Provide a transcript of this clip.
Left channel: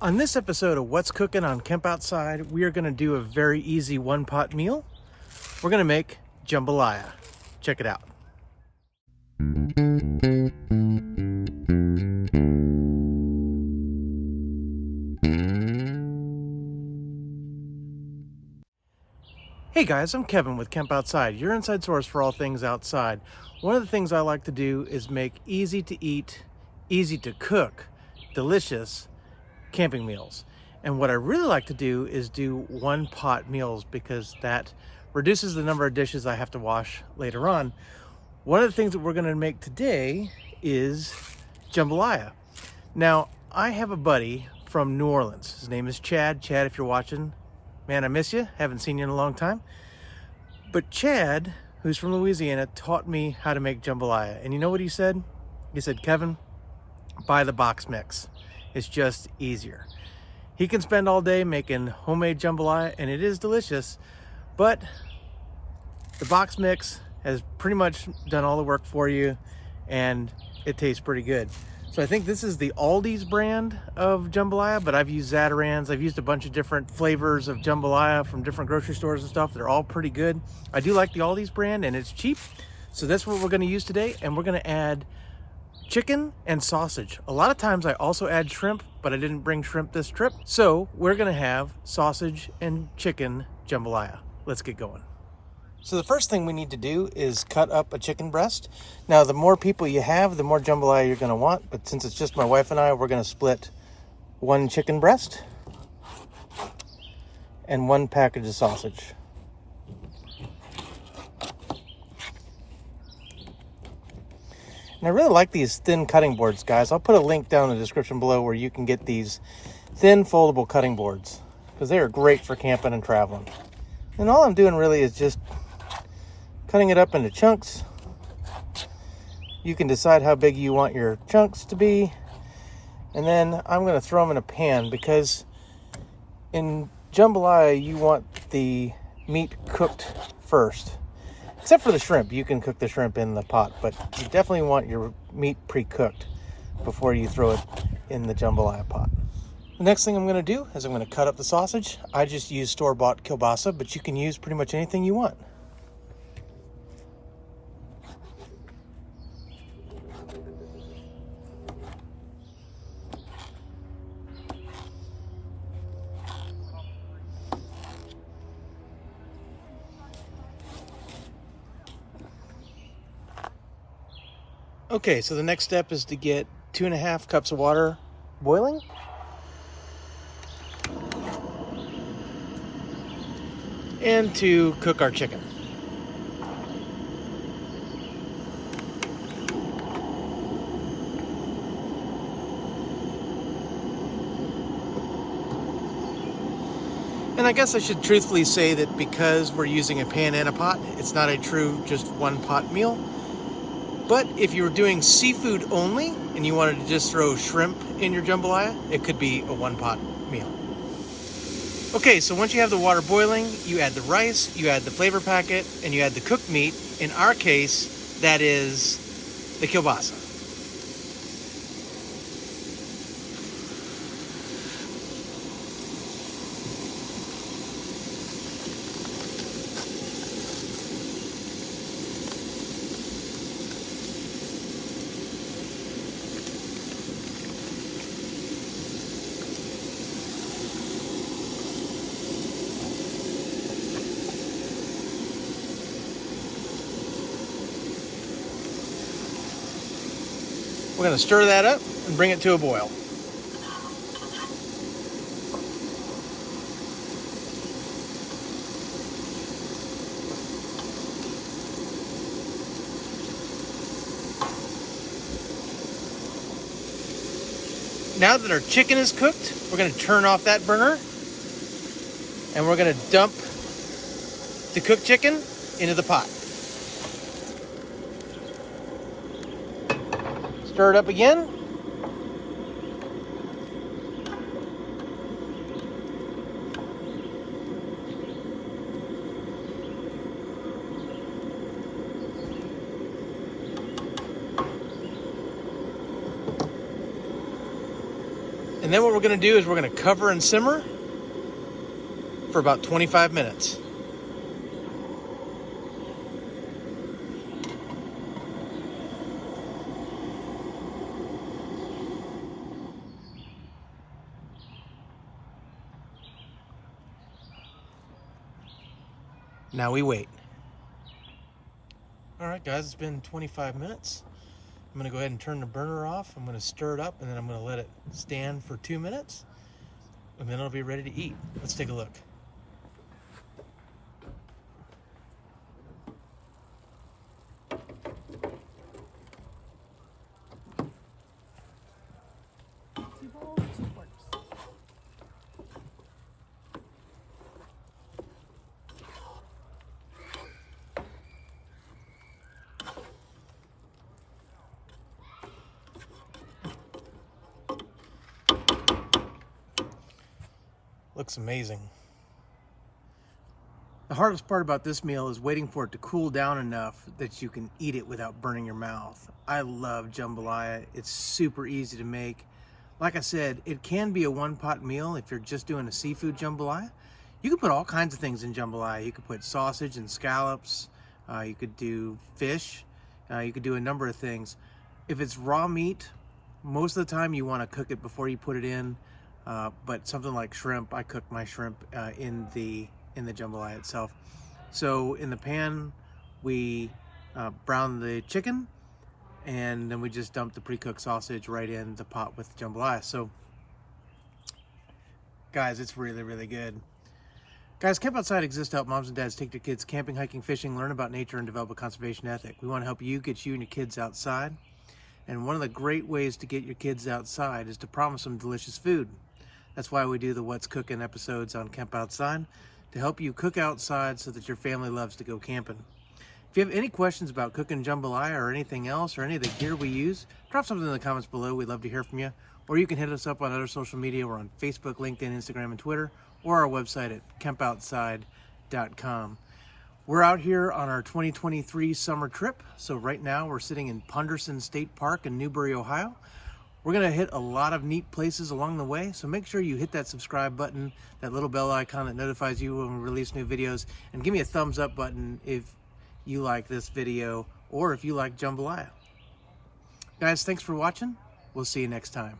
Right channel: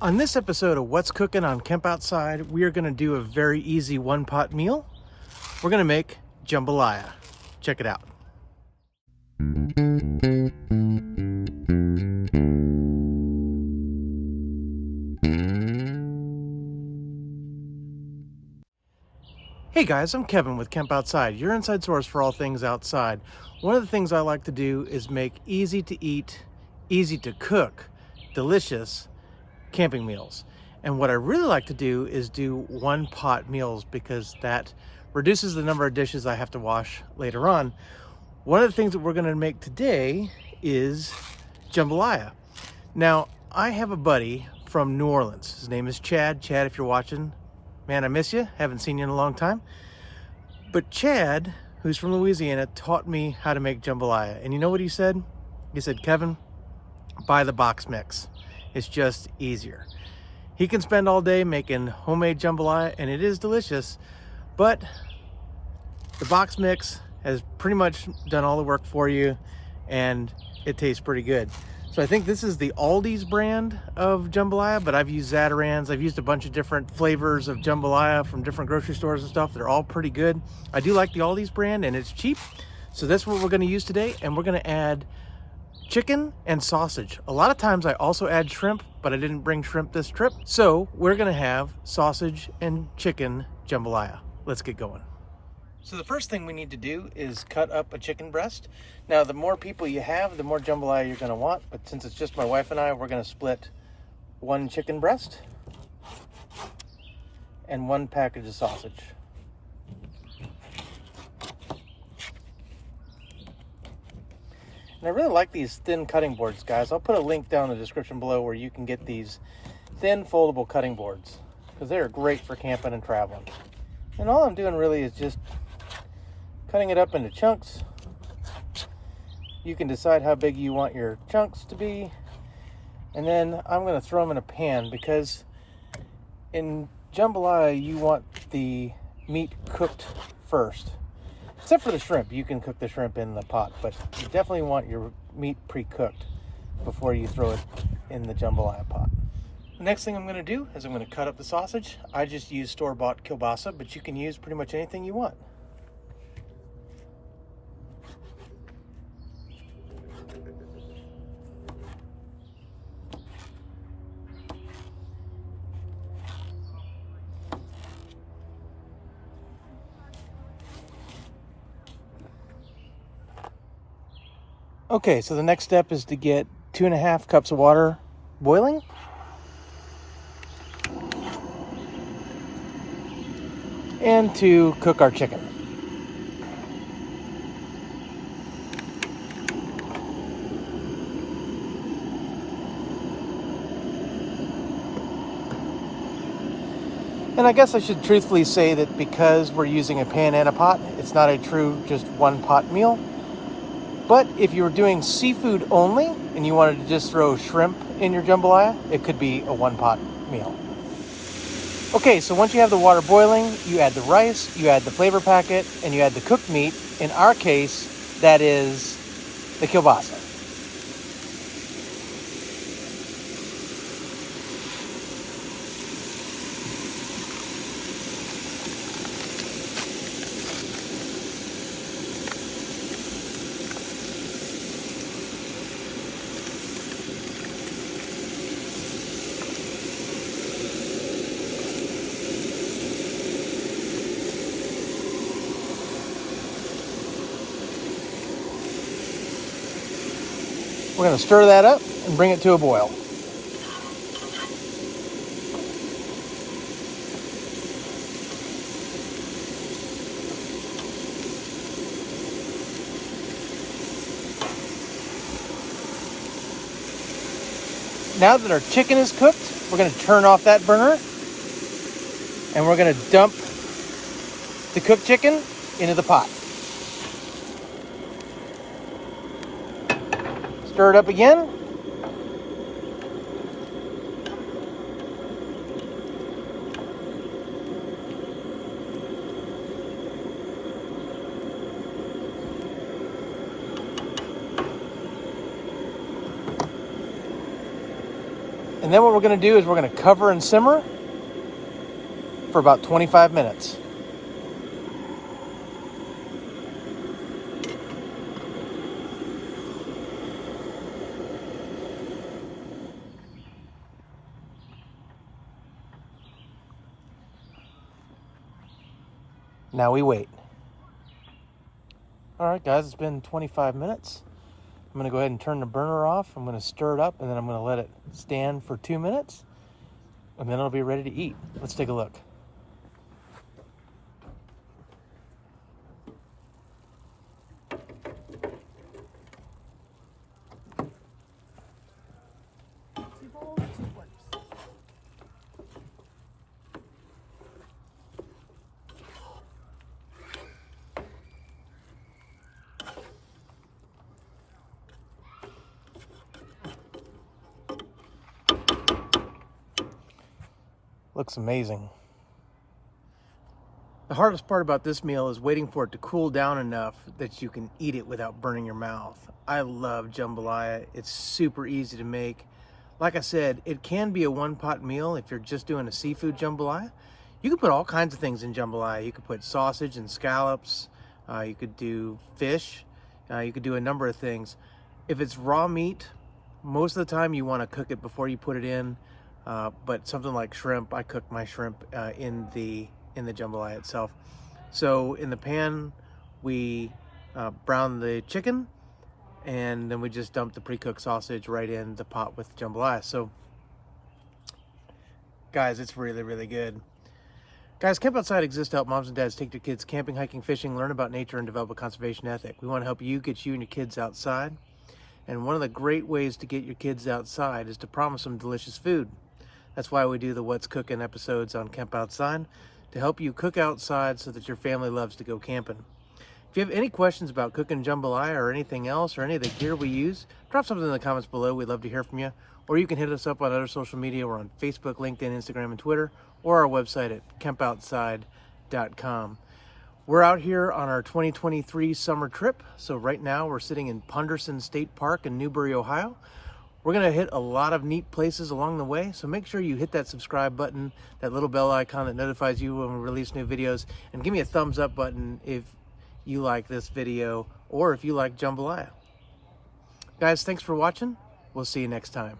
On this episode of What's Cooking on Camp Outside, we are going to do a very easy one-pot meal. We're going to make jambalaya. Check it out. Hey guys, I'm Kevin with Camp Outside, your inside source for all things outside. One of the things I like to do is make easy to eat, easy to cook, delicious camping meals. And what I really like to do is do one pot meals because that reduces the number of dishes I have to wash later on. One of the things that we're going to make today is jambalaya. Now, I have a buddy from New Orleans. His name is Chad. Chad, if you're watching, man, I miss you. Haven't seen you in a long time. But Chad, who's from Louisiana, taught me how to make jambalaya. And you know what he said? He said, Kevin, buy the box mix. It's just easier. He can spend all day making homemade jambalaya, and it is delicious, but the box mix has pretty much done all the work for you, and it tastes pretty good. So I think this is the Aldi's brand of jambalaya, but I've used Zatarain's. I've used a bunch of different flavors of jambalaya from different grocery stores and stuff. They're all pretty good. I do like the Aldi's brand, and it's cheap. So that's what we're going to use today, and we're going to add chicken and sausage. A lot of times I also add shrimp, but I didn't bring shrimp this trip. So we're gonna have sausage and chicken jambalaya. Let's get going. So the first thing we need to do is cut up a chicken breast. Now, the more people you have, the more jambalaya you're gonna want, but since it's just my wife and I, we're gonna split one chicken breast and one package of sausage. And I really like these thin cutting boards, guys. I'll put a link down in the description below where you can get these thin foldable cutting boards because they are great for camping and traveling. And all I'm doing really is just cutting it up into chunks. You can decide how big you want your chunks to be. And then I'm going to throw them in a pan because in jambalaya you want the meat cooked first. Except for the shrimp, you can cook the shrimp in the pot, but you definitely want your meat pre-cooked before you throw it in the jambalaya pot. The next thing I'm going to do is I'm going to cut up the sausage. I just use store-bought kielbasa, but you can use pretty much anything you want. Okay, so the next step is to get 2.5 cups of water boiling. And to cook our chicken. And I guess I should truthfully say that because we're using a pan and a pot, it's not a true just one pot meal. But if you were doing seafood only and you wanted to just throw shrimp in your jambalaya, it could be a one-pot meal. Okay, so once you have the water boiling, you add the rice, you add the flavor packet, and you add the cooked meat. In our case, that is the kielbasa. We're going to stir that up and bring it to a boil. Now that our chicken is cooked, we're going to turn off that burner and we're going to dump the cooked chicken into the pot. Stir it up again. And then what we're going to do is we're going to cover and simmer for about 25 minutes. Now we wait. All right, guys, it's been 25 minutes. I'm gonna go ahead and turn the burner off. I'm gonna stir it up, and then I'm gonna let it stand for 2 minutes, and then it'll be ready to eat. Let's take a look. Looks amazing. The hardest part about this meal is waiting for it to cool down enough that you can eat it without burning your mouth. I love jambalaya. It's super easy to make. Like I said, it can be a one-pot meal if you're just doing a seafood jambalaya. You can put all kinds of things in jambalaya. You could put sausage and scallops. You could do fish. You could do a number of things. If it's raw meat, most of the time you want to cook it before you put it in. But something like shrimp, I cook my shrimp in the jambalaya itself. So in the pan, we brown the chicken, and then we just dump the pre-cooked sausage right in the pot with the jambalaya. So guys, it's really, really good. Guys, Camp Outside exists to help moms and dads take their kids camping, hiking, fishing, learn about nature, and develop a conservation ethic. We want to help you get you and your kids outside. And one of the great ways to get your kids outside is to promise them delicious food. That's why we do the What's Cooking episodes on Camp Outside, to help you cook outside so that your family loves to go camping. If you have any questions about cooking jambalaya or anything else, or any of the gear we use, drop something in the comments below. We'd love to hear from you. Or you can hit us up on other social media. We're on Facebook, LinkedIn, Instagram, and Twitter, or our website at campoutside.com. We're out here on our 2023 summer trip. So right now we're sitting in Punderson State Park in Newbury, Ohio. We're gonna hit a lot of neat places along the way, so make sure you hit that subscribe button, that little bell icon that notifies you when we release new videos, and give me a thumbs up button if you like this video or if you like jambalaya. Guys, thanks for watching. We'll see you next time.